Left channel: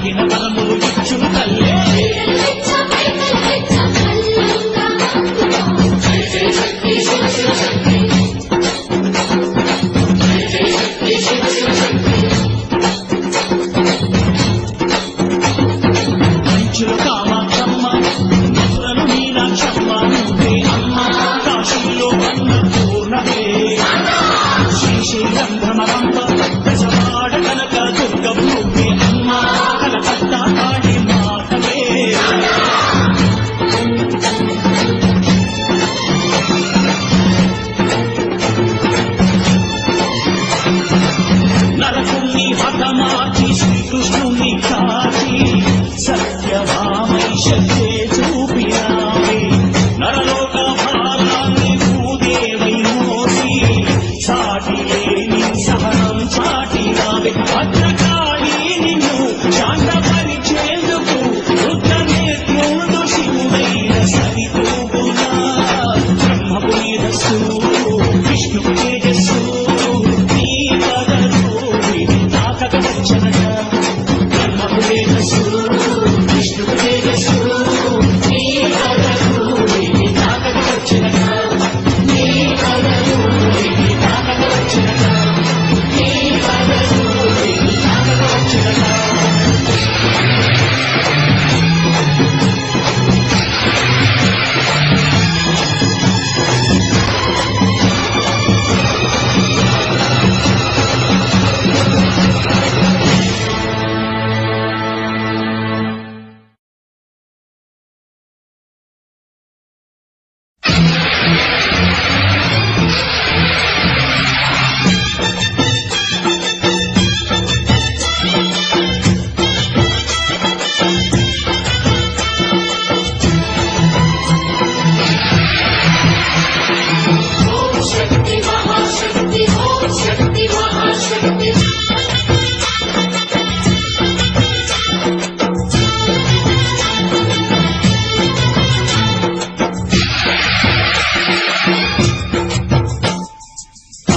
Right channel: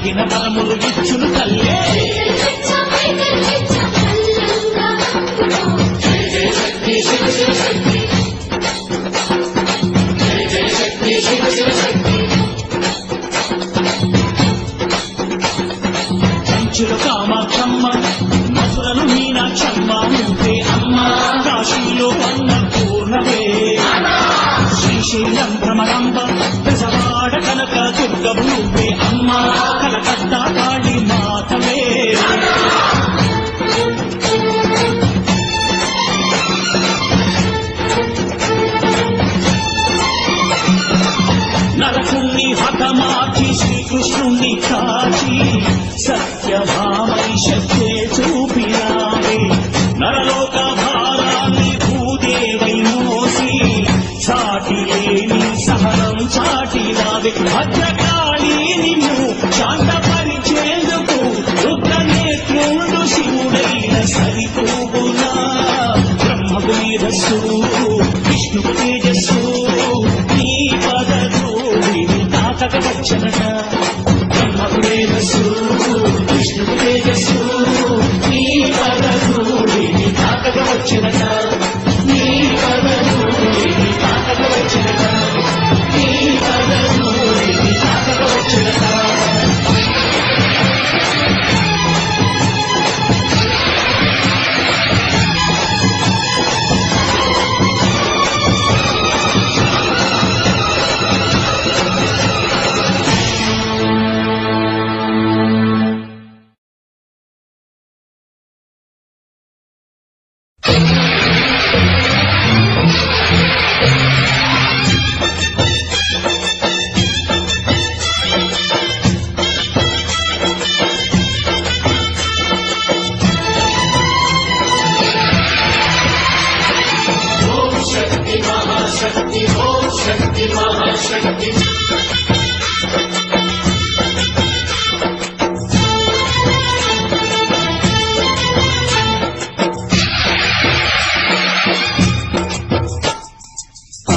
అడిగిన వరములు ఇచ్చును తల్లే. కంచుల కామాక్షమ్మ, మధురలు మీనాక్షమ్మ నువ్వే అమ్మ. కాశీలో అన్నపూర్ణవే, శ్రీశైలం భ్రమరంబ, దశవాడ కనక దుర్గవు నువ్వే అమ్మ. కలకత్తా కాళీ మాతవే. నరకుణ్ణి హతమార్చి శ్రీకృష్ణుణ్ణి కాచి సత్యభామై శక్తే చూపినావే. నరలోక భారాన్ని భూదేవై మోసి సాటి లేని సహనం చాటినావే. భద్రకాళి నిన్ను శాంతపరిచేందుకు రుద్రనేత్రుడు శివుడైన సరితూగునా. బ్రహ్మకు మేధస్సు, విష్ణుకు తేజస్సు, నీ పదధూళిని తాకక వచ్చనట. బ్రహ్మకు మేధస్సు, విష్ణుకు తేజస్సు, నీ పదధూళిని తాకక వచ్చనట. నీ పదధూళిని తాకక వచ్చనట. నీ పదధూళిని తాకక వచ్చనట.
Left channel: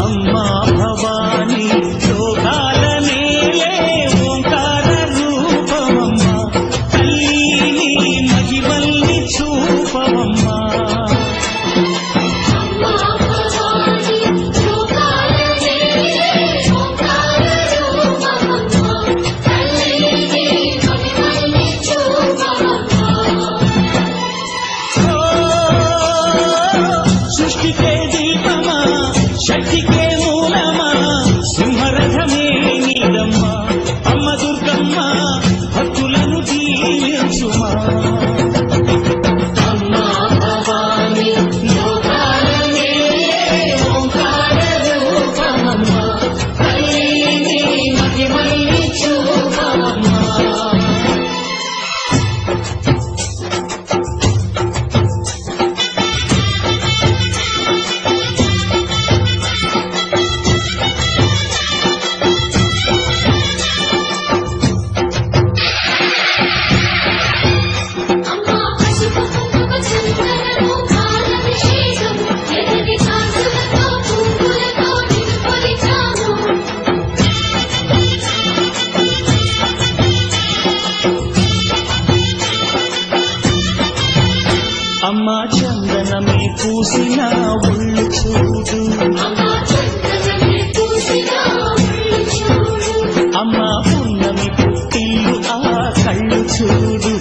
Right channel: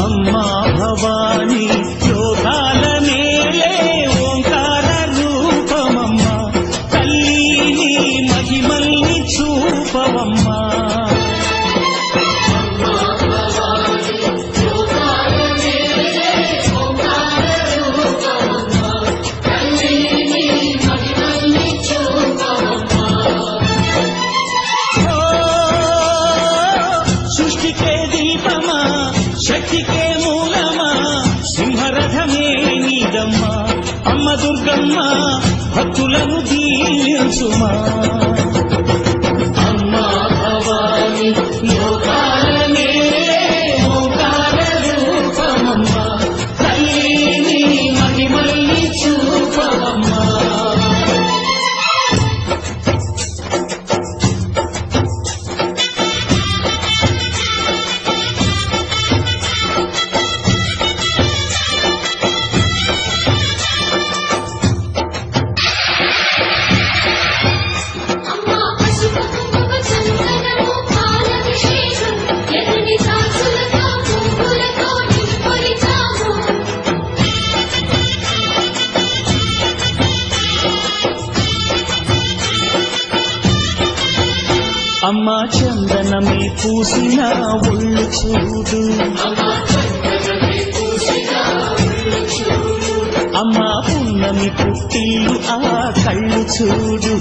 అమ్మా భవాని లోకాల నేలే ఓంకార రూపమమ్మ. తల్లిని మహిమల్ని చూపవమ్మా. సృష్టికే దీపమా, శక్తికే మూలమా, సింహరథమే నీదమ్మా. అమ్మ దుర్గమ్మ భక్తులను దీవించుమా. అమ్మా భవాని లోకాల నేలే ఓంకార రూపమమ్మ. తల్లిని మహిమల్ని చూపవమ్మా. అమ్మా చందనమే పూసిన ఒళ్ళు చూడు. అమ్మా పున్నమి పుట్టిల్లు ఆ కళ్ళు చూడు.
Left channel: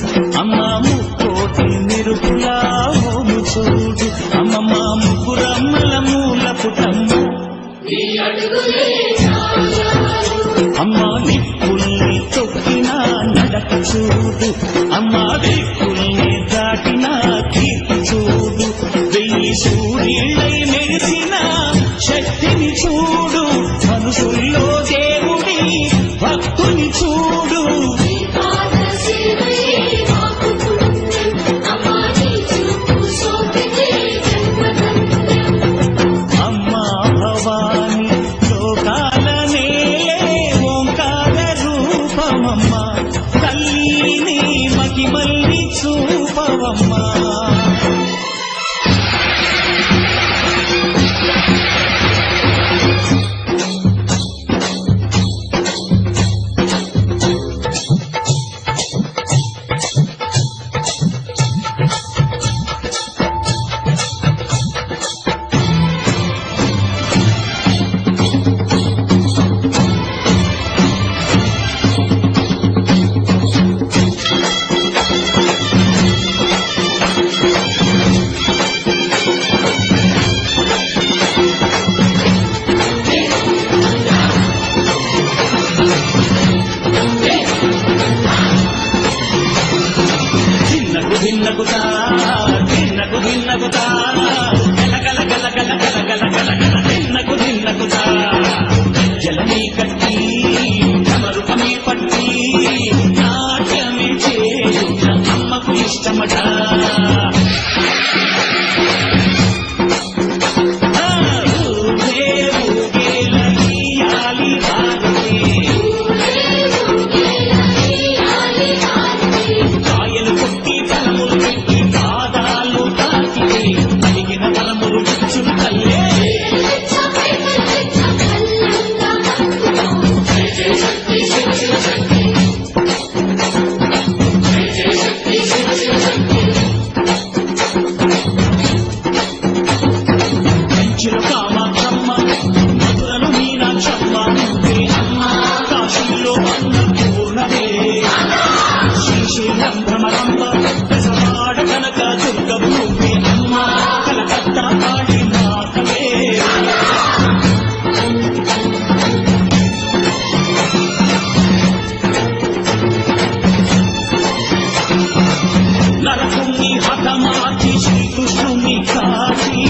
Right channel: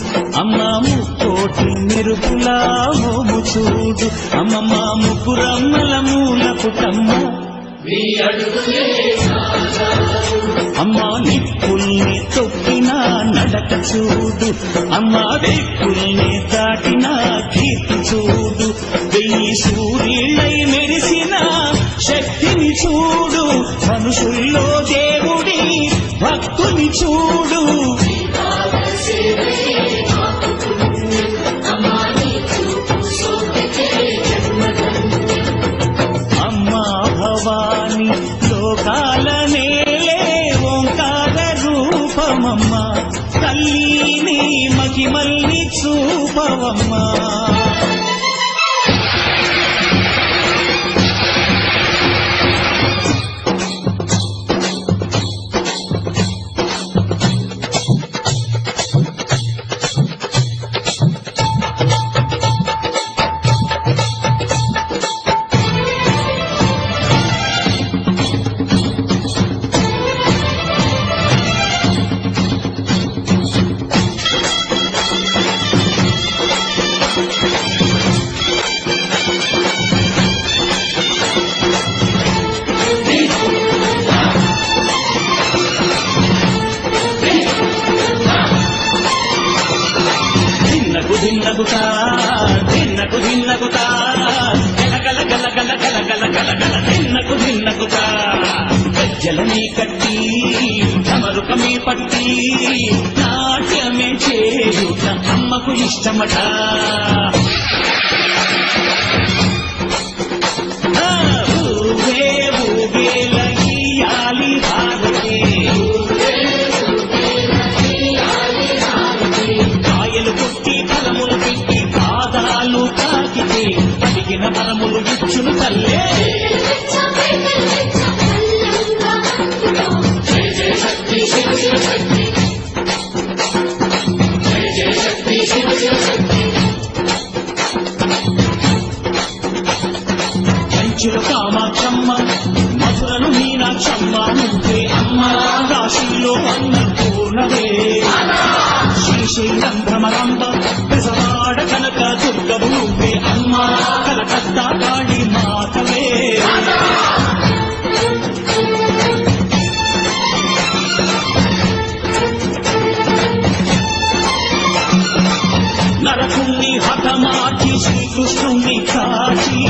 అమ్మా ముక్కోటి మెరుపులా మోము చూడు. అమ్మమ్మ ముగ్గురమ్మల మూల పుటమ్మ. అమ్మా నిప్పుల్ని తొక్కిన నడక చూడు. అమ్మా దిక్కుల్ని దాటిన కీర్తి చూడు. 1000 సూర్యులై మెరిసిన శక్తిని చూడు. మనుషుల్లో దేవుడి భక్తుని చూడు. అమ్మా భవాని లోకాల నేలే ఓంకార రూపమమ్మ. తల్లిని మహిమల్ని చూపవమ్మా. దిన్నకుతా దిన్నకు దిన్నకుతా గల గల గల గల గల గల గల గల దిన్నకుతా గజ్జలనే కట్టి ఢమరుకమే పట్టి నాట్యమే చేయుట అమ్మకు ఇష్టమట ఊగే ఊగేల ఇయ్యాలి భారతే కాయలు కొట్టి ఫలములు పెట్టి పాదాలు తాకితే అడిగిన వరములు ఇచ్చును తల్లే జయ జయ శక్తి శివ శివ శక్తి జయ జయ శక్తి శివ శివ శక్తి కంచిలో కామాక్షమ్మ మధురలు మీనాక్షమ్మ నువ్వే అమ్మ కాశీలో అన్నపూర్ణవే శ్రీశైలం భ్రమరంబ బెజవాడ కనక దుర్గవు నువ్వే అమ్మ కలకత్తా కాళీ మాతవే నరకుణ్ణి హతమార్చి శ్రీకృష్ణుణ్ణి కాచి